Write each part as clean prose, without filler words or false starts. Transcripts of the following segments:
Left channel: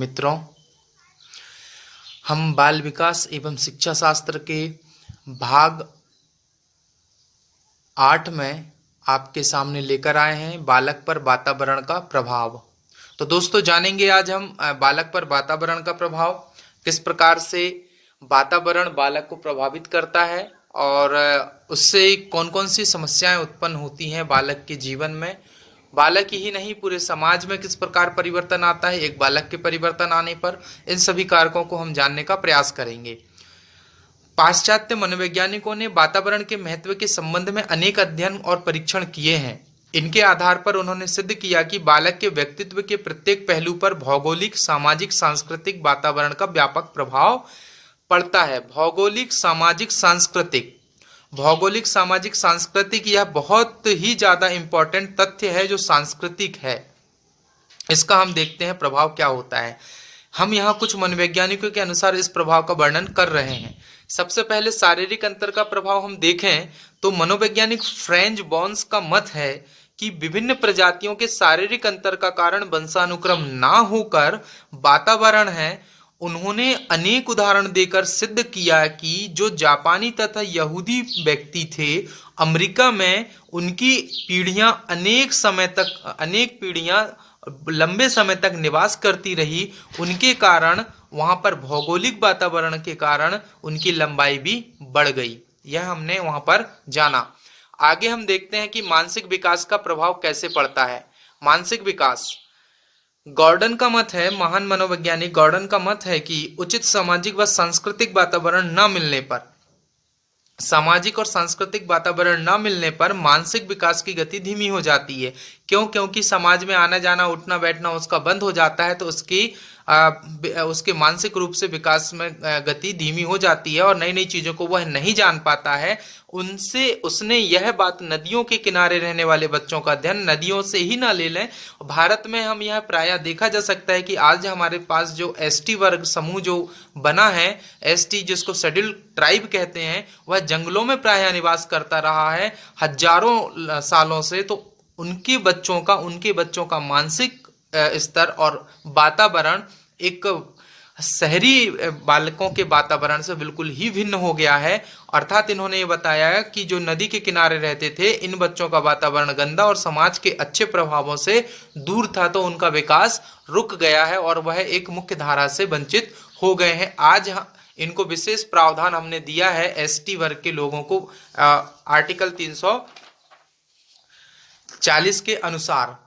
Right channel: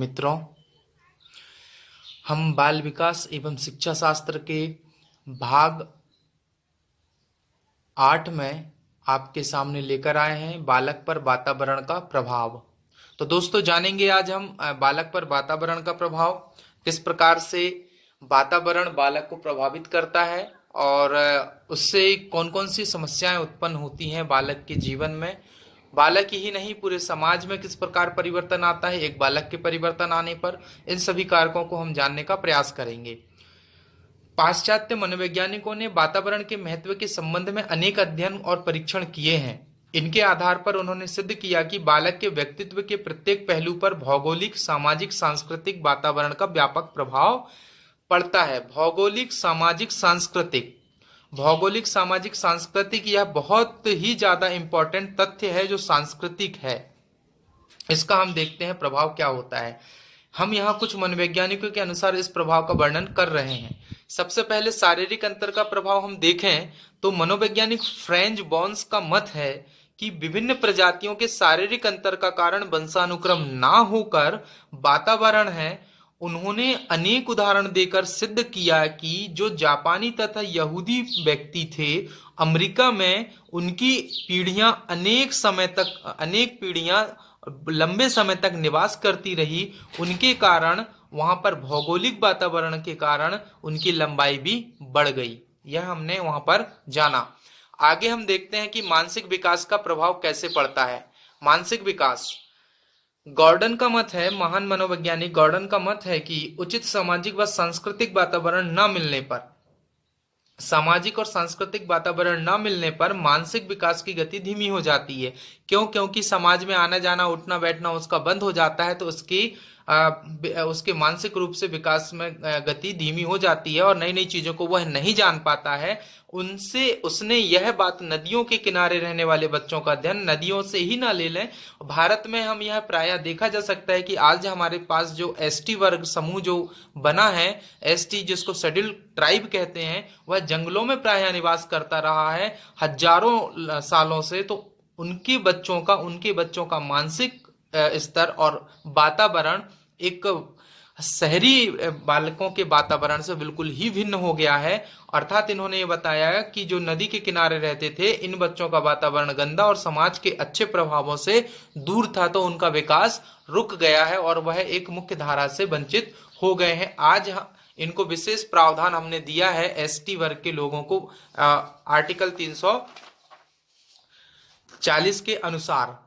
मित्रों, हम बाल विकास एवं शिक्षा शास्त्र के भाग 8 में आपके सामने लेकर आए हैं बालक पर वातावरण का प्रभाव। तो दोस्तों, जानेंगे आज हम बालक पर वातावरण का प्रभाव, किस प्रकार से वातावरण बालक को प्रभावित करता है और उससे कौन कौन सी समस्याएं उत्पन्न होती हैं बालक के जीवन में। बालक ही नहीं, पूरे समाज में किस प्रकार परिवर्तन आता है एक बालक के परिवर्तन आने पर। इन सभी कारकों को हम जानने का प्रयास करेंगे। पाश्चात्य मनोवैज्ञानिकों ने वातावरण के महत्व के संबंध में अनेक अध्ययन और परीक्षण किए हैं। इनके आधार पर उन्होंने सिद्ध किया कि बालक के व्यक्तित्व के प्रत्येक पहलू पर भौगोलिक, सामाजिक, सांस्कृतिक वातावरण का व्यापक प्रभाव पड़ता है। भौगोलिक, सामाजिक, सांस्कृतिक यह बहुत ही ज्यादा इंपॉर्टेंट तथ्य है जो सांस्कृतिक है। इसका हम देखते हैं प्रभाव क्या होता है। हम यहाँ कुछ मनोवैज्ञानिकों के अनुसार इस प्रभाव का वर्णन कर रहे हैं। सबसे पहले शारीरिक अंतर का प्रभाव हम देखें तो मनोवैज्ञानिक फ्रेंच बॉन्स का मत है कि विभिन्न प्रजातियों के शारीरिक अंतर का कारण वंशानुक्रम ना होकर वातावरण है। उन्होंने अनेक उदाहरण देकर सिद्ध किया कि जो जापानी तथा यहूदी व्यक्ति थे, अमेरिका में उनकी पीढ़ियां अनेक पीढ़ियां लंबे समय तक निवास करती रही। उनके कारण वहां पर भौगोलिक वातावरण के कारण उनकी लंबाई भी बढ़ गई। यह हमने वहां पर जाना। आगे हम देखते हैं कि मानसिक विकास का प्रभाव कैसे पड़ता है। मानसिक विकास, गॉर्डन का मत है, महान मनोवैज्ञानिक गॉर्डन का मत है कि उचित सामाजिक व सांस्कृतिक वातावरण न मिलने पर, मानसिक विकास की गति धीमी हो जाती है। क्योंकि समाज में आना जाना, उठना बैठना उसका बंद हो जाता है, तो उसके मानसिक रूप से विकास में गति धीमी हो जाती है और नई नई चीजों को वह नहीं जान पाता है। उसने यह बात नदियों के किनारे रहने वाले बच्चों का अध्ययन नदियों से ही ना ले लें। भारत में हम यह प्रायः देखा जा सकता है कि आज हमारे पास जो एसटी वर्ग समूह जो बना है, एसटी जिसको शेड्यूल्ड ट्राइब कहते हैं, वह जंगलों में प्रायः निवास करता रहा है हजारों सालों से। तो उनके बच्चों का मानसिक स्तर और वातावरण एक शहरी बालकों के वातावरण से बिल्कुल ही भिन्न हो गया है। अर्थात इन्होंने ये बताया कि जो नदी के किनारे रहते थे, इन बच्चों का वातावरण गंदा और समाज के अच्छे प्रभावों से दूर था, तो उनका विकास रुक गया है और वह एक मुख्य धारा से वंचित हो गए हैं। आज इनको विशेष प्रावधान हमने दिया है एसटी वर्ग के लोगों को आर्टिकल 340 के अनुसार।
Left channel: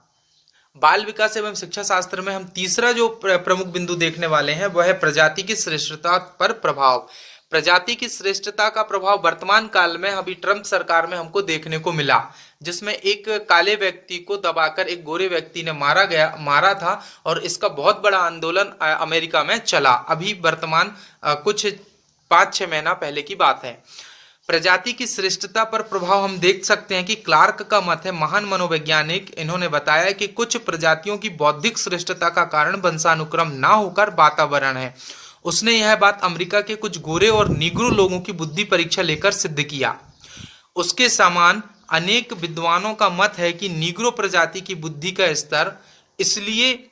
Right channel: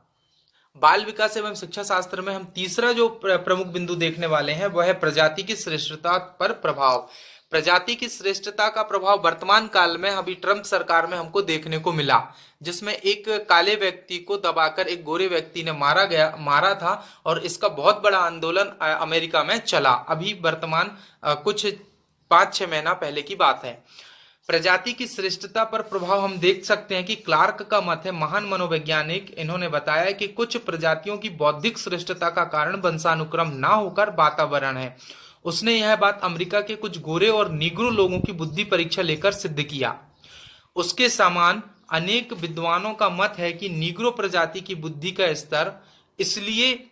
बाल विकास एवं शिक्षा शास्त्र में हम तीसरा जो प्रमुख बिंदु देखने वाले हैं वह है प्रजाति की श्रेष्ठता पर प्रभाव। प्रजाति की श्रेष्ठता का प्रभाव वर्तमान काल में अभी ट्रंप सरकार में हमको देखने को मिला, जिसमें एक काले व्यक्ति को दबाकर एक गोरे व्यक्ति ने मारा था और इसका बहुत बड़ा आंदोलन अमेरिका में चला। अभी वर्तमान कुछ 5-6 महीना पहले की बात है। प्रजाति की श्रेष्ठता पर प्रभाव हम देख सकते हैं कि क्लार्क का मत है, महान मनोवैज्ञानिक। इन्होंने बताया कि कुछ प्रजातियों की बौद्धिक श्रेष्ठता का कारण वंशानुक्रम ना होकर वातावरण है। उसने यह बात अमेरिका के कुछ गोरे और नीग्रो लोगों की बुद्धि परीक्षा लेकर सिद्ध किया। उसके समान अनेक विद्वानों का मत है कि नीग्रो प्रजाति की बुद्धि का स्तर इसलिए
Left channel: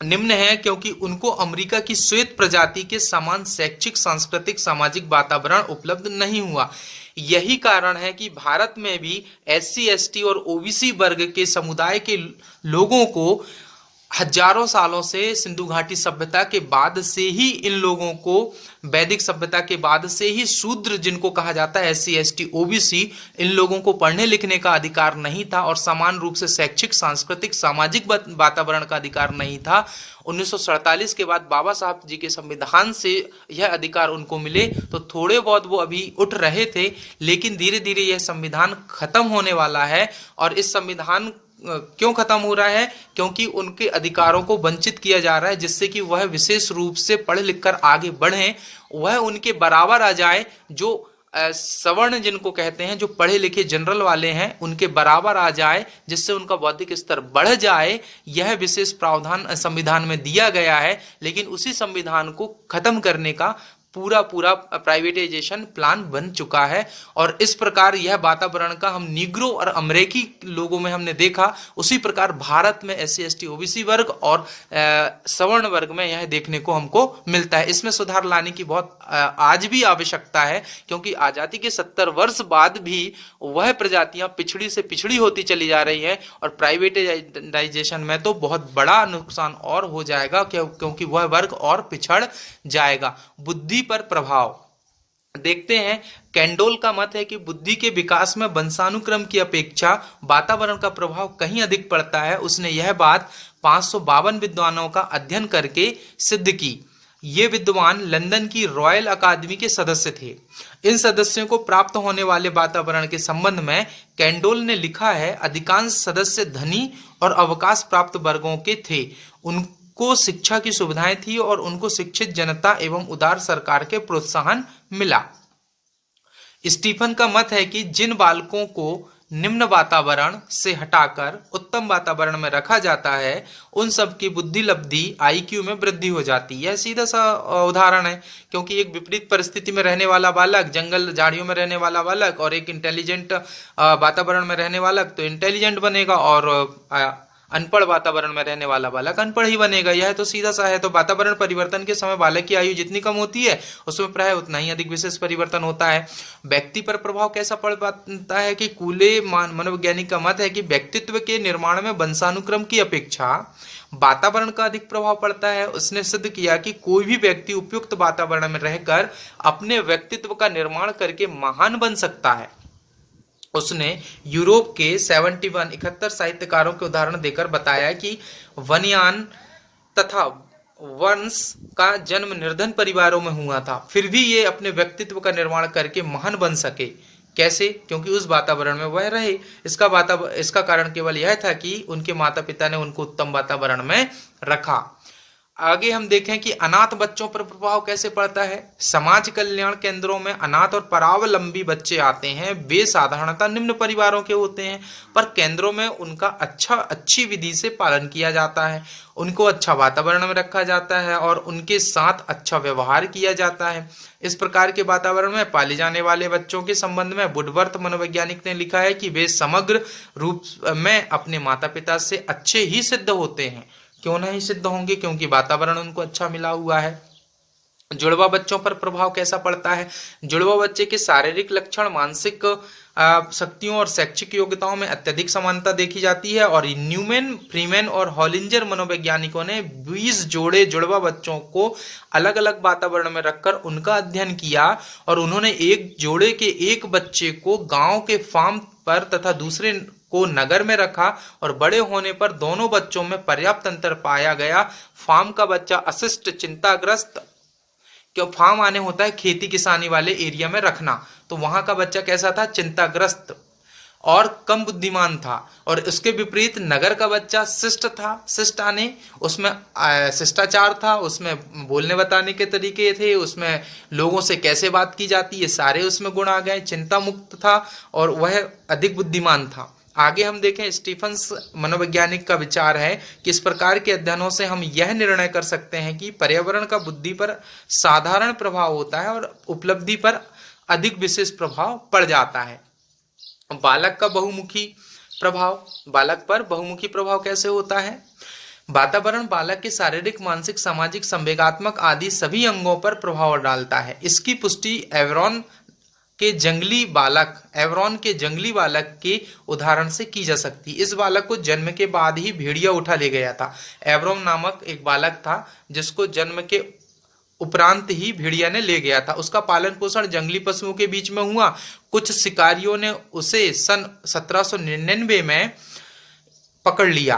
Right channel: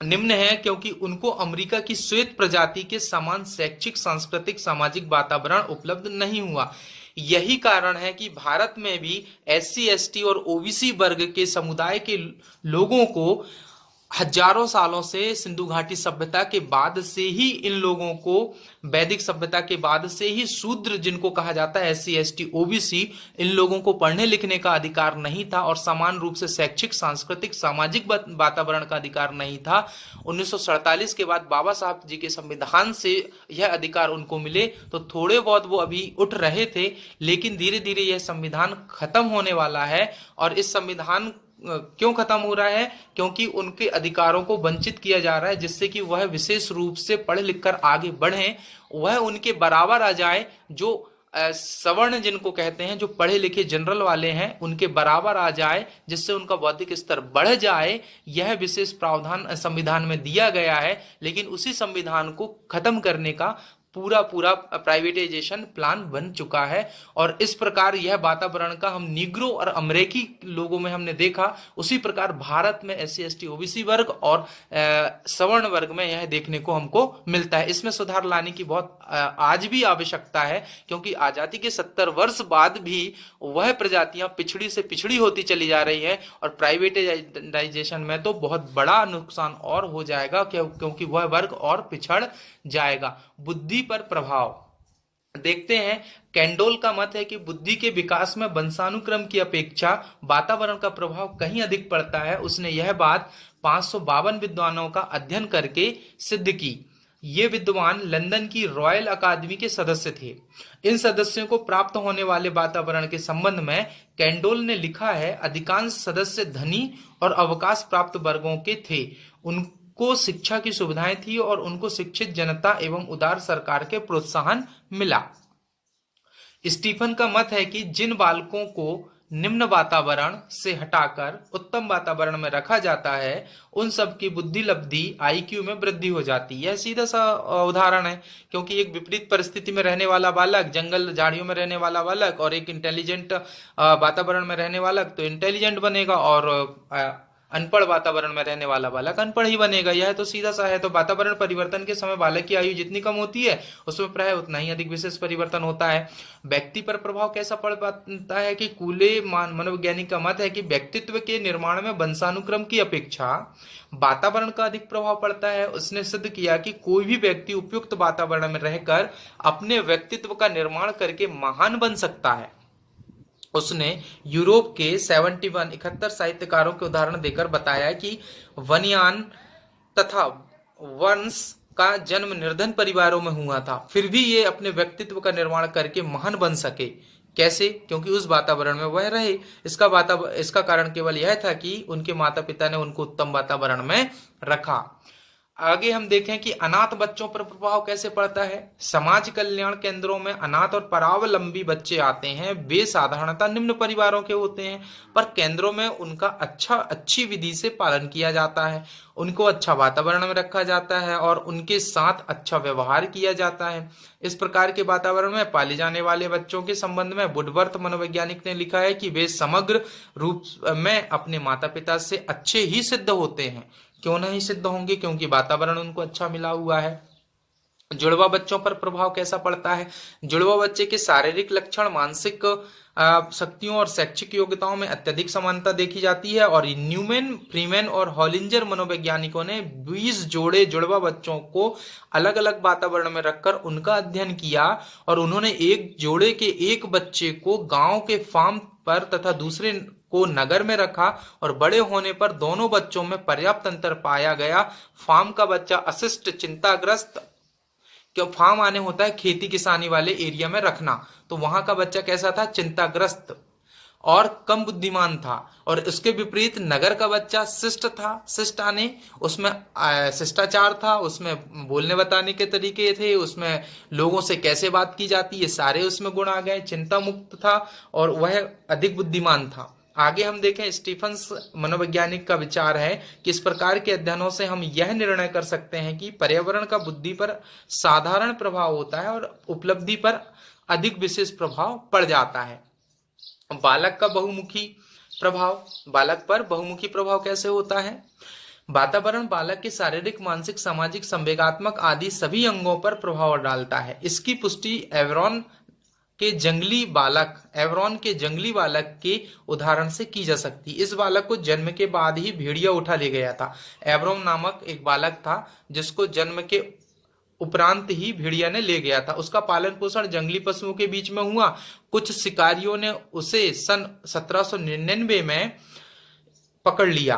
निम्न है क्योंकि उनको अमेरिका की श्वेत प्रजाति के समान शैक्षिक, सांस्कृतिक, सामाजिक वातावरण उपलब्ध नहीं हुआ। यही कारण है कि भारत में भी एससी, एसटी और ओबीसी वर्ग के समुदाय के लोगों को हजारों सालों से सिंधु घाटी सभ्यता के बाद से ही, इन लोगों को वैदिक सभ्यता के बाद से ही शूद्र जिनको कहा जाता है, एससी, एसटी, ओबीसी, इन लोगों को पढ़ने लिखने का अधिकार नहीं था और समान रूप से शैक्षिक, सांस्कृतिक, सामाजिक वातावरण का अधिकार नहीं था। 1947 के बाद बाबा साहब जी के संविधान से यह अधिकार उनको मिले, तो थोड़े बहुत वो अभी उठ रहे थे, लेकिन धीरे धीरे यह संविधान खत्म होने वाला है। और इस संविधान क्यों खत्म हो रहा है? क्योंकि उनके अधिकारों को वंचित किया जा रहा है, जिससे कि वह विशेष रूप से पढ़ लिख कर आगे बढ़ें, वह उनके बराबर आ जाए। जो सवर्ण जिनको कहते हैं, जो पढ़े लिखे जनरल वाले हैं, उनके बराबर आ जाए, जिससे उनका बौद्धिक स्तर बढ़ जाए। यह विशेष प्रावधान संविधान में दिया गया है, लेकिन उसी संविधान को खत्म करने का पूरा पूरा प्राइवेटाइजेशन प्लान बन चुका है। और इस प्रकार यह वातावरण का हम नीग्रो और अमरीकी लोगों में हमने देखा, उसी प्रकार भारत में SC ST OBC वर्ग और सवर्ण वर्ग में यह देखने को हमको मिलता है। इसमें सुधार लाने की बहुत आज भी आवश्यकता है, क्योंकि आजादी के 70 वर्ष बाद भी वह प्रजातियां पिछड़ी से पिछड़ी होती चली जा रही है, और प्राइवेटाइजेशन में तो बहुत बड़ा नुकसान और हो जाएगा, क्योंकि वह वर्ग और पिछड़ जाएगा। बुद्धि पर प्रभाव देखते हैं। कैंडोल का मत है कि बुद्धि के विकास में वंशानुक्रम की अपेक्षा वातावरण का प्रभाव कहीं अधिक पड़ता है। उसने यह बात 552 विद्वानों का अध्ययन करके सिद्ध की। ये विद्वान लंदन की रॉयल अकादमी के सदस्य थे। इन सदस्यों को प्राप्त होने वाले वातावरण के संबंध में कैंडोल ने लिखा है, अधिकांश सदस्य धनी और अवकाश प्राप्त वर्गों के थे। उनको शिक्षा की सुविधाएं थी और उनको शिक्षित जनता एवं उदार सरकार के प्रोत्साहन मिला। स्टीफन का मत है कि जिन बालकों को निम्न वातावरण से हटाकर उत्तम वातावरण में रखा जाता है, उन सब की बुद्धि लब्धि IQ में वृद्धि हो जाती है। यह सीधा सा उदाहरण है, क्योंकि एक विपरीत परिस्थिति में रहने वाला बालक, जंगल झाड़ियों में रहने वाला बालक और एक इंटेलिजेंट वातावरण में रहने वाला तो इंटेलिजेंट बनेगा, और अनपढ़ वातावरण में रहने वाला बालक अनपढ़ ही बनेगा। यह तो सीधा सा है। तो वातावरण परिवर्तन के समय बालक की आयु जितनी कम होती है, उसमें प्राय उतना ही अधिक विशेष परिवर्तन होता है। व्यक्ति पर प्रभाव कैसा पड़ पाता है कि कूले मनोवैज्ञानिक का मत है कि व्यक्तित्व के निर्माण में वंशानुक्रम की अपेक्षा वातावरण का अधिक प्रभाव पड़ता है। उसने सिद्ध किया कि कोई भी व्यक्ति उपयुक्त वातावरण में रहकर अपने व्यक्तित्व का निर्माण करके महान बन सकता है। उसने यूरोप के 71 साहित्यकारों के उदाहरण देकर बताया कि वनयान तथा वंश का जन्म निर्धन परिवारों में हुआ था, फिर भी ये अपने व्यक्तित्व का निर्माण करके महान बन सके। कैसे? क्योंकि उस वातावरण में वह रहे। इसका कारण केवल यह था कि उनके माता पिता ने उनको उत्तम वातावरण में रखा। आगे हम देखें कि अनाथ बच्चों पर प्रभाव कैसे पड़ता है। समाज कल्याण केंद्रों में अनाथ और परावलंबी बच्चे आते हैं। वे साधारणतः निम्न परिवारों के होते हैं, पर केंद्रों में उनका अच्छी विधि से पालन किया जाता है, उनको अच्छा वातावरण में रखा जाता है और उनके साथ अच्छा व्यवहार किया जाता है। इस प्रकार के वातावरण में पाले जाने वाले बच्चों के संबंध में वुडवर्थ मनोवैज्ञानिक ने लिखा है कि वे समग्र रूप में अपने माता पिता से अच्छे ही सिद्ध होते हैं। क्यों नहीं सिद्ध होंगे? क्योंकि वातावरण उनको अच्छा मिला हुआ है। जुड़वा बच्चों पर प्रभाव कैसा पड़ता है? जुड़वा बच्चे के शारीरिक लक्षण, मानसिक शक्तियों और शैक्षिक योग्यताओं में अत्यधिक समानता देखी जाती है। और न्यूमैन, फ्रीमैन और हॉलिंजर मनोवैज्ञानिकों ने 20 जोड़े जुड़वा बच्चों को अलग अलग वातावरण में रखकर उनका अध्ययन किया, और उन्होंने एक जोड़े के एक बच्चे को गांव के फार्म पर तथा दूसरे को नगर में रखा, और बड़े होने पर दोनों बच्चों में पर्याप्त अंतर पाया गया। फार्म का बच्चा अशिष्ट, चिंताग्रस्त, क्यों फार्म आने होता है खेती किसानी वाले एरिया में रखना, तो वहां का बच्चा कैसा था? चिंताग्रस्त और कम बुद्धिमान था। और इसके विपरीत नगर का बच्चा शिष्ट था। शिष्ट आने उसमें शिष्टाचार था, उसमें बोलने बताने के तरीके थे, उसमें लोगों से कैसे बात की जाती है सारे उसमें गुण आ गए। चिंता मुक्त था और वह अधिक बुद्धिमान था। आगे हम देखें, स्टीफन्स मनोवैज्ञानिक का विचार है कि इस प्रकार के अध्ययनों से हम यह निर्णय कर सकते हैं कि पर्यावरण का बुद्धि पर साधारण प्रभाव होता है और उपलब्धि पर अधिक विशेष प्रभाव पड़ जाता है। बालक का बहुमुखी प्रभाव, बालक पर बहुमुखी प्रभाव कैसे होता है? वातावरण बालक के शारीरिक, मानसिक, सामाजिक, संवेगात्मक आदि सभी अंगों पर प्रभाव डालता है। इसकी पुष्टि एवरॉन के जंगली बालक के उदाहरण से की जा सकती। इस बालक को जन्म के बाद ही भेड़िया उठा ले गया था। एवरॉन नामक एक बालक था जिसको जन्म के उपरांत ही भेड़िया ने ले गया था। उसका पालन पोषण जंगली पशुओं के बीच में हुआ। कुछ शिकारियों ने उसे सन 1799 में पकड़ लिया।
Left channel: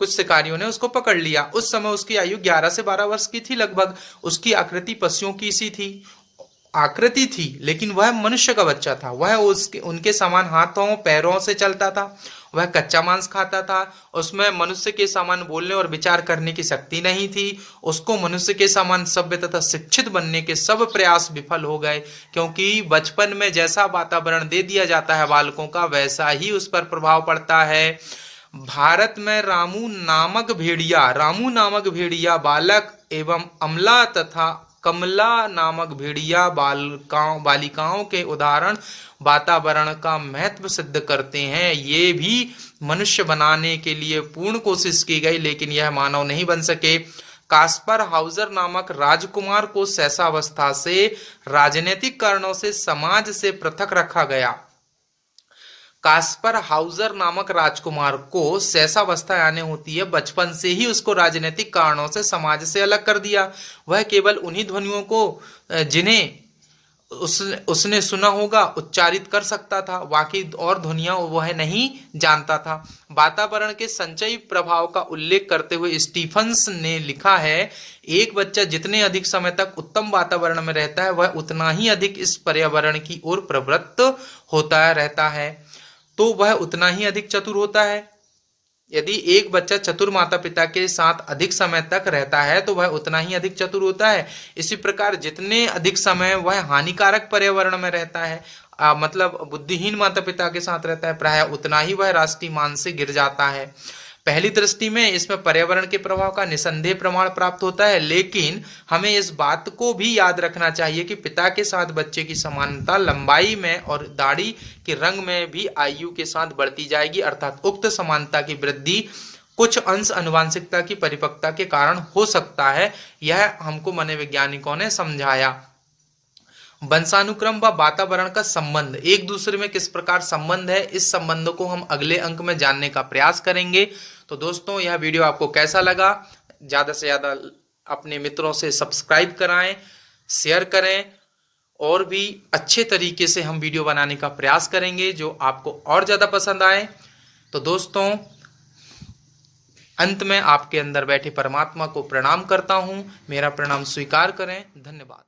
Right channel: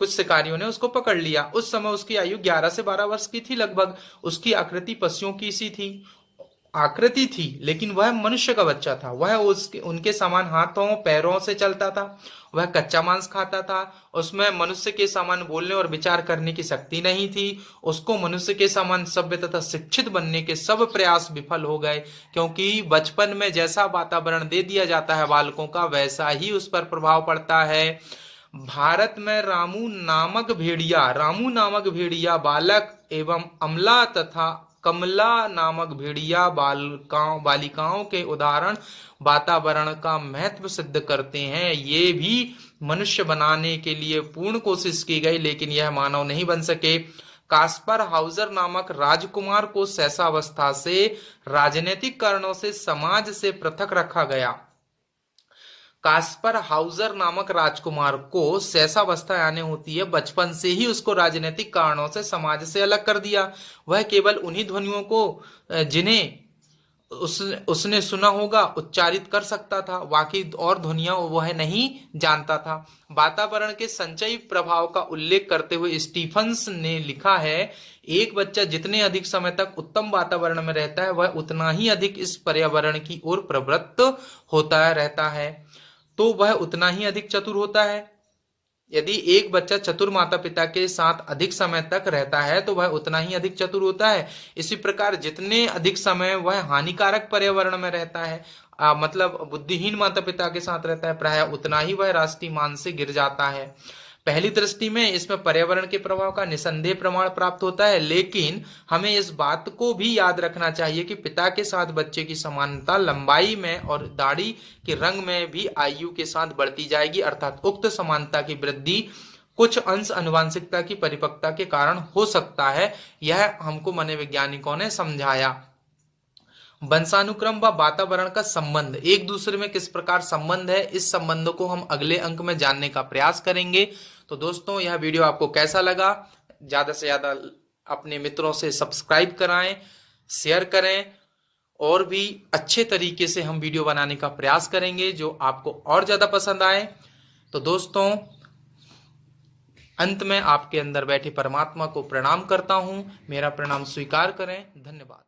कुछ शिकारियों ने उसको पकड़ लिया। उस समय उसकी आयु 11 से 12 वर्ष की थी लगभग। उसकी आकृति पशुओं की सी थी, आकृति थी, लेकिन वह मनुष्य का बच्चा था। वह उनके समान हाथों पैरों से चलता था। वह कच्चा मांस खाता था। उसमें मनुष्य के समान बोलने और विचार करने की शक्ति नहीं थी। उसको मनुष्य के समान सभ्य तथा शिक्षित बनने के सब प्रयास विफल हो गए, क्योंकि बचपन में जैसा वातावरण दे दिया जाता है बालकों का, वैसा ही उस पर प्रभाव पड़ता है। भारत में रामू नामक भेड़िया बालक एवं अमला तथा कमला नामक भेड़िया बालिकाओं के उदाहरण वातावरण का महत्व सिद्ध करते हैं। ये भी मनुष्य बनाने के लिए पूर्ण कोशिश की गई, लेकिन यह मानव नहीं बन सके। कास्पर हाउजर नामक राजकुमार को शैशवावस्था से राजनीतिक कारणों से समाज से पृथक रखा गया। कास्पर हाउजर नामक राजकुमार को शैशवावस्था यानी होती है बचपन से ही उसको राजनीतिक कारणों से समाज से अलग कर दिया। वह केवल उन्हीं ध्वनियों को जिन्हें उसने सुना होगा उच्चारित कर सकता था, बाकी और ध्वनियां वह नहीं जानता था। वातावरण के संचयी प्रभाव का उल्लेख करते हुए स्टीफन्स ने लिखा है, एक बच्चा जितने अधिक समय तक उत्तम वातावरण में रहता है वह उतना ही अधिक इस पर्यावरण की ओर प्रवृत्त होता रहता है, तो वह उतना ही अधिक चतुर होता है। यदि एक बच्चा चतुर माता पिता के साथ अधिक समय तक रहता है तो वह उतना ही अधिक चतुर होता है। इसी प्रकार जितने अधिक समय वह हानिकारक पर्यावरण में रहता है, मतलब बुद्धिहीन माता पिता के साथ रहता है, प्रायः उतना ही वह राष्ट्रीय मान से गिर जाता है। पहली दृष्टि में इसमें पर्यावरण के प्रभाव का निसंदेह प्रमाण प्राप्त होता है, लेकिन हमें इस बात को भी याद रखना चाहिए कि पिता के साथ बच्चे की समानता लंबाई में और दाढ़ी के रंग में भी आयु के साथ बढ़ती जाएगी, अर्थात उक्त समानता की वृद्धि कुछ अंश आनुवंशिकता की परिपक्वता के कारण हो सकता है। यह हमको मनोवैज्ञानिकों ने समझाया। वंशानुक्रम व वातावरण का संबंध, एक दूसरे में किस प्रकार संबंध है, इस संबंध को हम अगले अंक में जानने का प्रयास करेंगे। तो दोस्तों, यह वीडियो आपको कैसा लगा, ज्यादा से ज्यादा अपने मित्रों से सब्सक्राइब कराएं, शेयर करें, और भी अच्छे तरीके से हम वीडियो बनाने का प्रयास करेंगे जो आपको और ज्यादा पसंद आए। तो दोस्तों, अंत में आपके अंदर बैठे परमात्मा को प्रणाम करता हूं, मेरा प्रणाम स्वीकार करें। धन्यवाद।